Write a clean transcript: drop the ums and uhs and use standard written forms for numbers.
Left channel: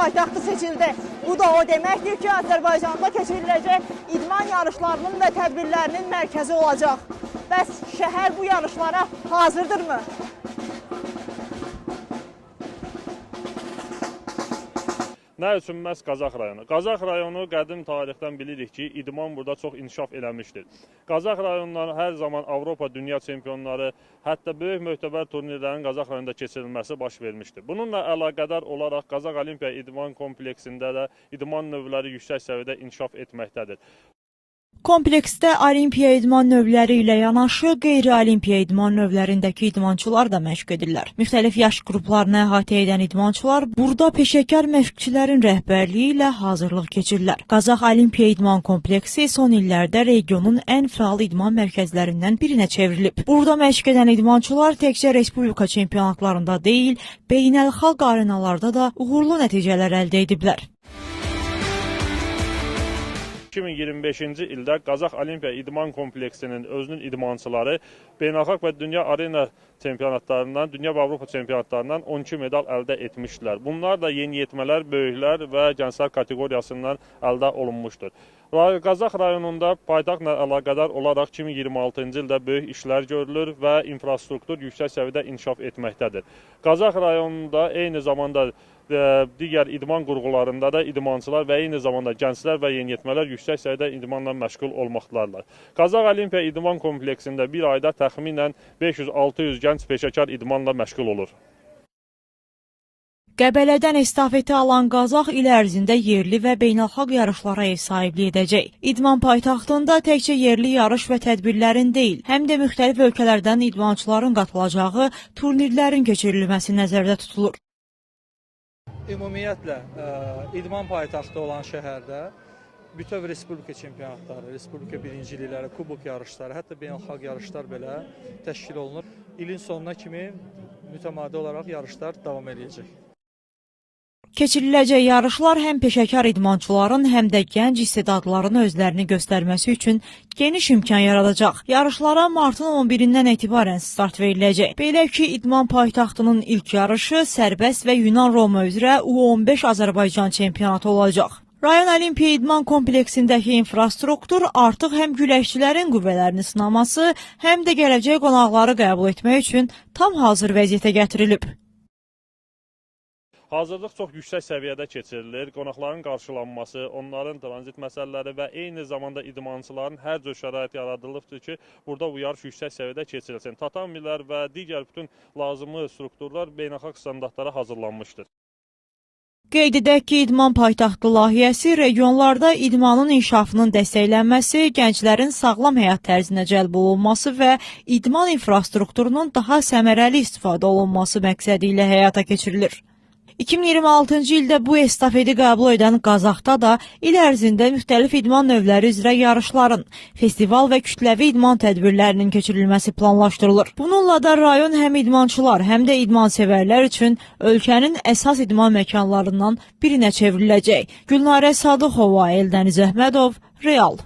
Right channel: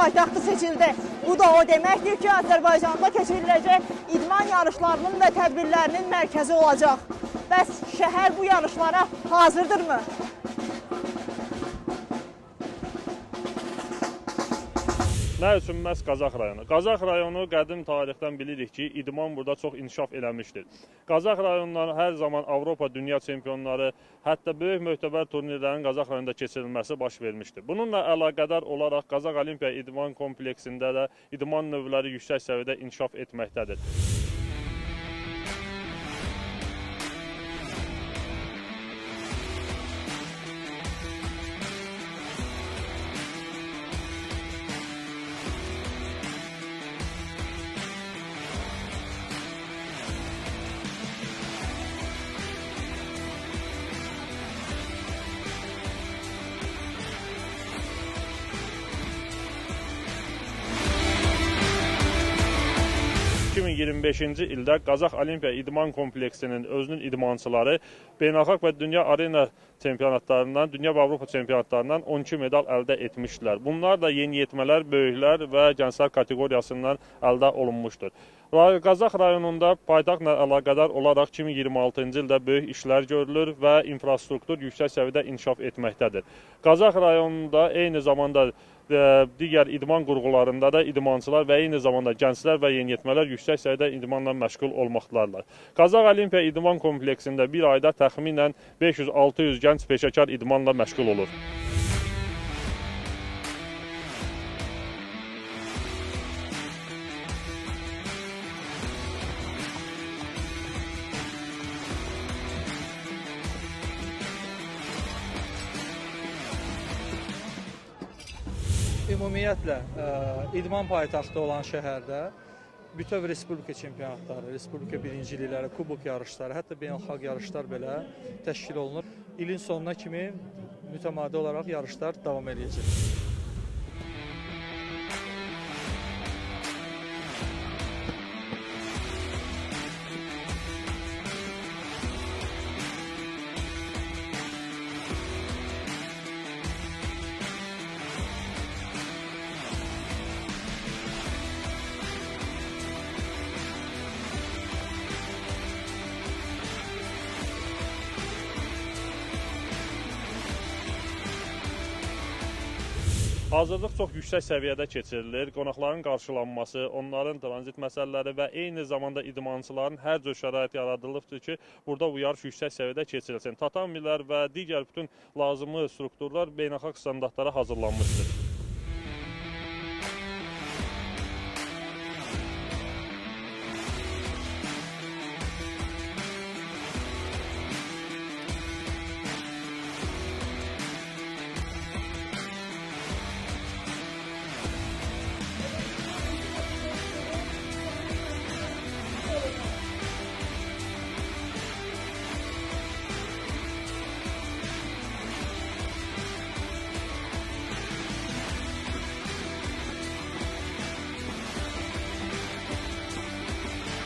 paytaxtı seçildi. Bu da o deməkdir ki, Azərbaycanda keçiriləcək idman yarışlarının və tədbirlərinin mərkəzi olacaq. Bəs şəhər bu yarışlara hazırdırmı? Nə üçün məhz Qazax rayonu? Qazax rayonu qədim tarixdən bilirik ki, idman burada çox inkişaf eləmişdir. Qazax rayonları hər zaman Avropa dünya çempionları, hətta böyük möhtəbər turnirlərin Qazax rayonunda keçirilməsi baş vermişdir. Bununla əlaqədar olaraq Qazax Olimpiya İdman kompleksində də idman növləri yüksək səviyyədə inkişaf etməkdədir. Kompleksdə olimpiya idman növləri ilə yanaşı qeyri-olimpiya idman növlərindəki idmançılar da məşq edirlər. Müxtəlif yaş qruplarını əhatə edən idmançılar burada peşəkar məşqçilərin rəhbərliyi ilə hazırlıq keçirirlər. Qazax Olimpiya İdman Kompleksi son illərdə regionun ən fəal idman mərkəzlərindən birinə çevrilib. Burada məşq edən idmançılar təkcə respublika çempionatlarında deyil, beynəlxalq arenalarda da uğurlu nəticələr əldə ediblər. 2025-ci ildə Qazax Olimpiya İdman Kompleksinin özünün idmançıları beynəlxalq və dünya arena çempionatlarından, dünya və Avropa çempionatlarından 12 medal əldə etmişdilər. Bunlar da yeniyetmələr, böyüklər və gənclər kateqoriyasından əldə olunmuşdur. Qazax rayonunda paytaxtla əlaqədar olaraq 2026-cı ildə böyük işlər görülür və infrastruktur yüksək səviyyədə inkişaf etməkdədir. Qazax rayonunda eyni zamanda digər idman qurğularında da idmançılar və eyni zamanda gənclər və yeniyetmələr yüksək səviyyədə idmanla məşğul olmaqdadırlar. Qazax Olimpiya İdman Kompleksində bir ayda təxminən 500-600 gənc peşəkar idmanla məşğul olur. Qəbələdən estafeti alan Qazax il ərzində yerli və beynəlxalq yarışlara ev sahibliyi edəcək. İdman paytaxtında təkcə yerli yarış və tədbirlərin deyil, həm də müxtəlif ölkələrdən idmançıların qatılacağı turnirlərin keçirilməsi nəzərdə tutulur. Ümumiyyətlə, idman paytaxtı olan şəhərdə bütöv respublika çempionatları, respublika birincilikləri, kubok yarışları, hətta beynəlxalq yarışlar belə təşkil olunur. İlin sonuna kimi mütəmadi olaraq yarışlar davam edəcək. Keçiriləcək yarışlar həm peşəkar idmançıların, həm də gənc istedadların özlərini göstərməsi üçün geniş imkan yaradacaq. Yarışlara martın 11-dən etibarən start veriləcək. Belə ki, idman paytaxtının ilk yarışı sərbəst və Yunan Roma üzrə U15 Azərbaycan çempionatı olacaq. Rayon Olimpiya İdman Kompleksindəki infrastruktur artıq həm güləşçilərin qüvvələrini sınaması, həm də gələcək qonaqları qəbul etmək üçün tam hazır vəziyyətə gətirilib. Hazırlıq çox yüksək səviyyədə keçirilir. Qonaqların qarşılanması, onların tranzit məsələləri və eyni zamanda idmançıların hər cür şərait yaradılıbdır ki, burada bu yarış yüksək səviyyədə keçirilsin. Tatamilər və digər bütün lazımlı strukturlar beynəlxalq standartlara hazırlanmışdır. Qeyd edək ki, İdman Paytaxtı layihəsi regionlarda idmanın inkişafının dəstəklənməsi, gənclərin sağlam həyat tərzinə cəlb olunması və idman infrastrukturunun daha səmərəli istifadə olunması məqsədi ilə həyata keçirilir. 2026-cı ildə bu estafeti qəbul edən Qazaxda da il ərzində müxtəlif idman növləri üzrə yarışların, festival və kütləvi idman tədbirlərinin keçirilməsi planlaşdırılır. Bununla da rayon həm idmançılar, həm də idmansevərlər üçün ölkənin əsas idman məkanlarından birinə çevriləcək. Gülnarə Sadıxova, Eldəniz Əhmədov, Real.